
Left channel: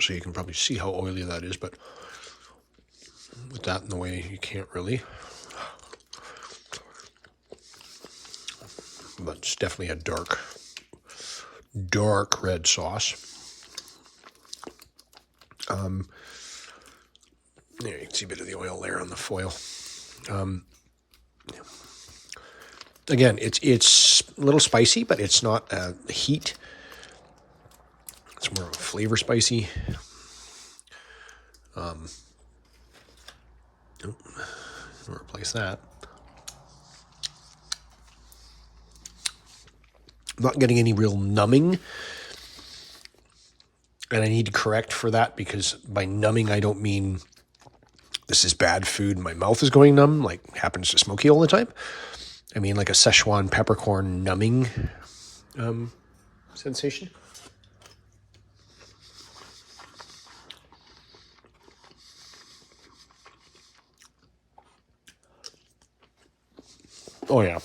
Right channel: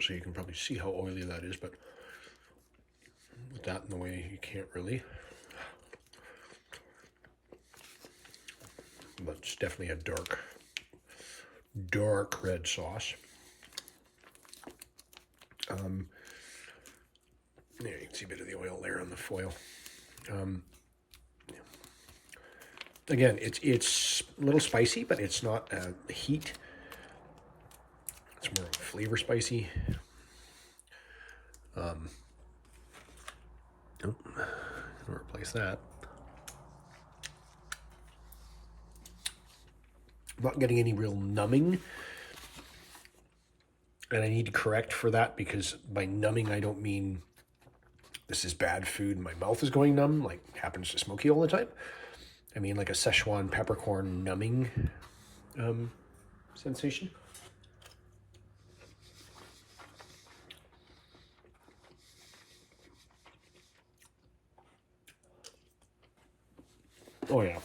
So you can probably see how oily that is, but with that in the way, you can't really. But it's definitely a dark red sauce. There you can see a bit of the oil there on the foil. Again, it's a little spicy, but it's not heat. It's more of a flavor spicy. I'll replace that. I'm not getting any real numbing. And I need to correct for that, because by numbing, I don't mean this is bad food, my mouth is going numb, like happens to Smokey all the time. I mean like a Szechuan peppercorn numbing sensation. Oh yeah.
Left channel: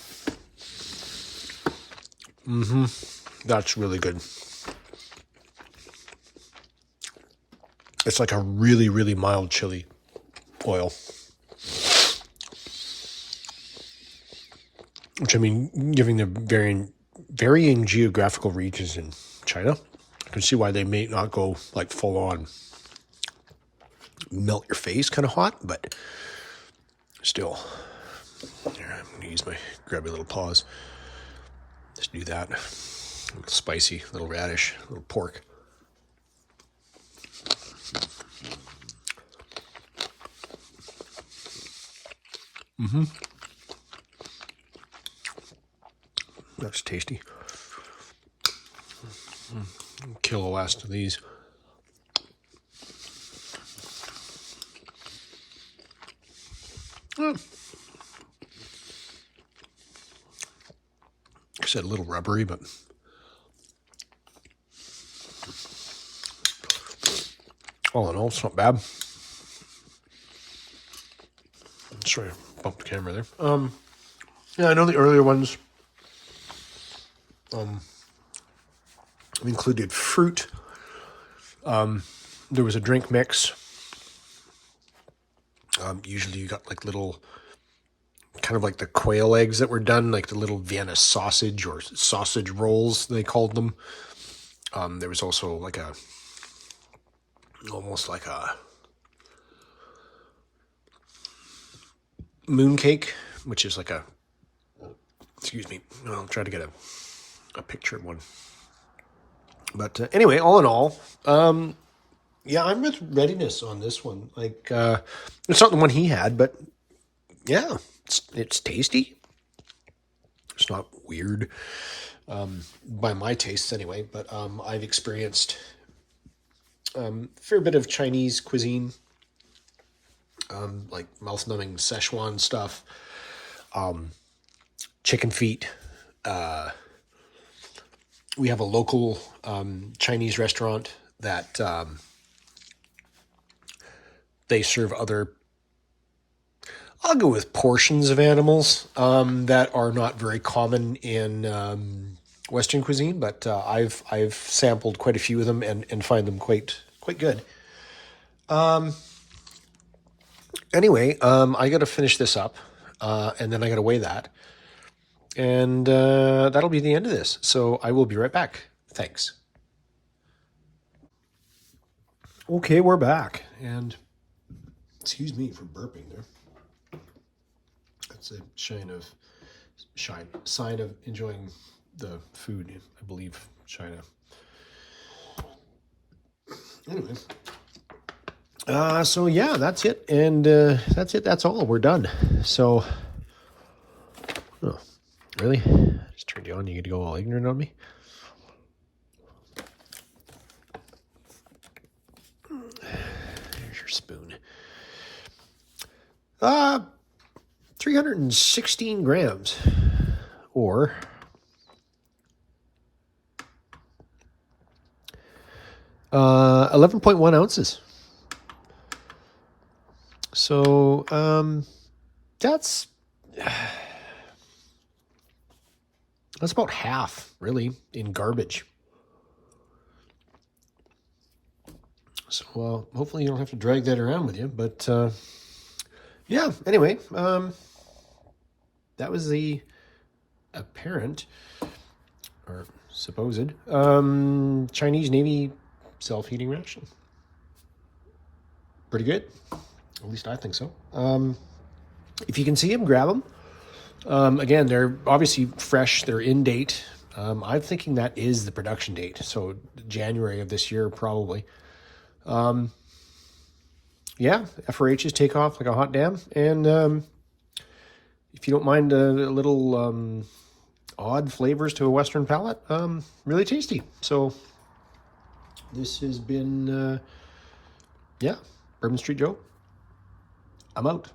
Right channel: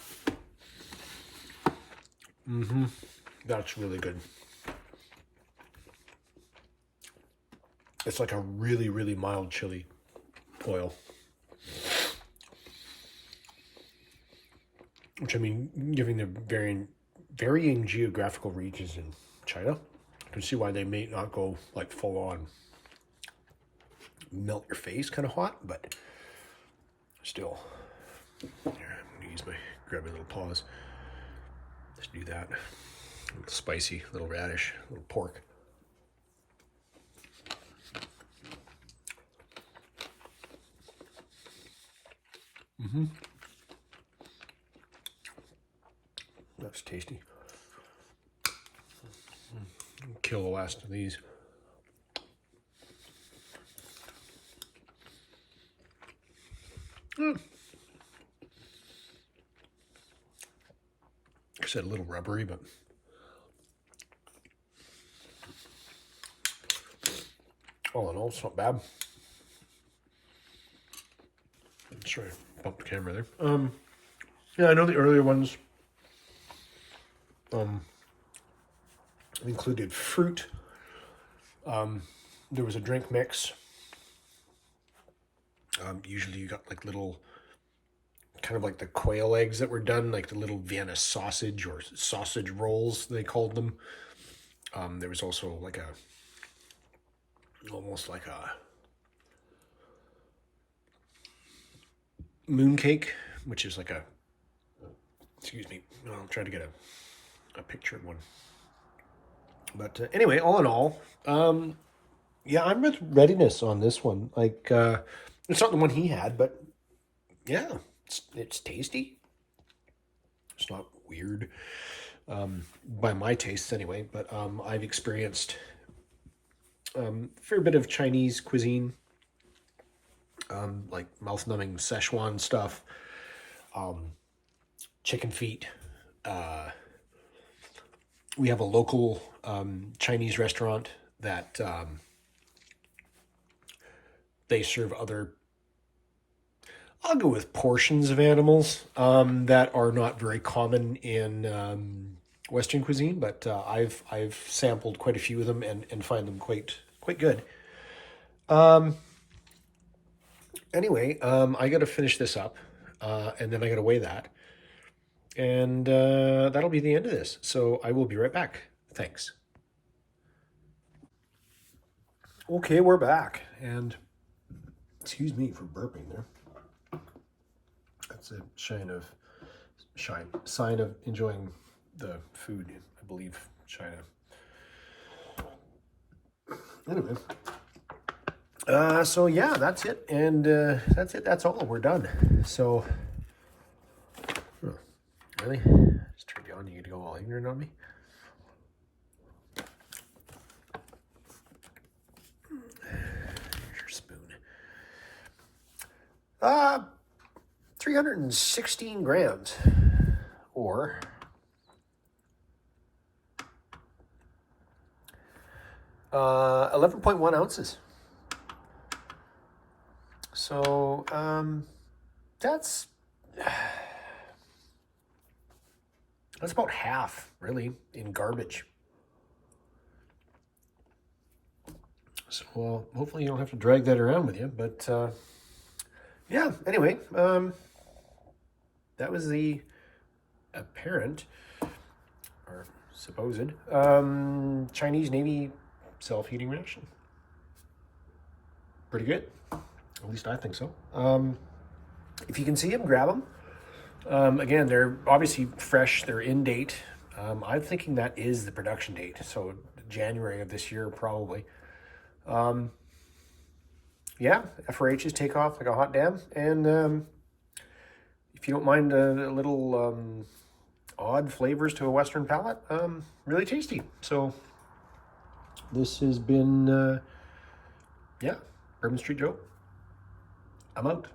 That's really good. It's like a really, really mild chili oil. Which, I mean, given the varying geographical regions in China, I can see why they may not go like full on melt your face kind of hot, but still. Here, I'm going to use my grabby little paws. Just do that. A little spicy, little radish, little pork. That's tasty. Kill the last of these. Like I said, a little rubbery, but all in all, it's not bad. Sorry, I bumped the camera there. Yeah, I know the earlier ones included fruit. There was a drink mix. Usually you got like little, kind of like the quail eggs that were done, like the little Vienna sausage or sausage rolls, they called them. There was also like almost like a mooncake, which is like excuse me, I'll try to get a picture of one. But anyway, all in all, yeah, I'm with Readiness on this one. Like, it's not the one he had, but yeah, it's tasty. It's not weird, by my tastes anyway, but I've experienced a fair bit of Chinese cuisine, like mouth-numbing Szechuan stuff, chicken feet. We have a local Chinese restaurant that they serve other, I'll go with portions of animals that are not very common in Western cuisine, but I've sampled quite a few of them and find them quite good. Anyway, I got to finish this up, and then I got to weigh that, and that'll be the end of this. So I will be right back. Thanks. Okay, we're back, and excuse me for burping there. That's a sign of enjoying the food, I believe, China. Anyway, so yeah, that's it, and that's it. That's all. We're done. So, oh, really? Just turned you on. You get to go all ignorant on me. Here's your spoon. 316 grams, or 11.1 ounces. So that's about half, really, in garbage. So hopefully you don't have to drag that around with you, but yeah, anyway, that was the apparent, or supposed, Chinese Navy self-heating ration. Pretty good. At least I think so. If you can see them, grab them. Again, they're obviously fresh. They're in date. I'm thinking that is the production date. So January of this year, probably. Yeah, FRHs take off like a hot damn. And if you don't mind a little odd flavors to a Western palate, really tasty. So this has been, yeah, Bourbon Street Joe. I'm out.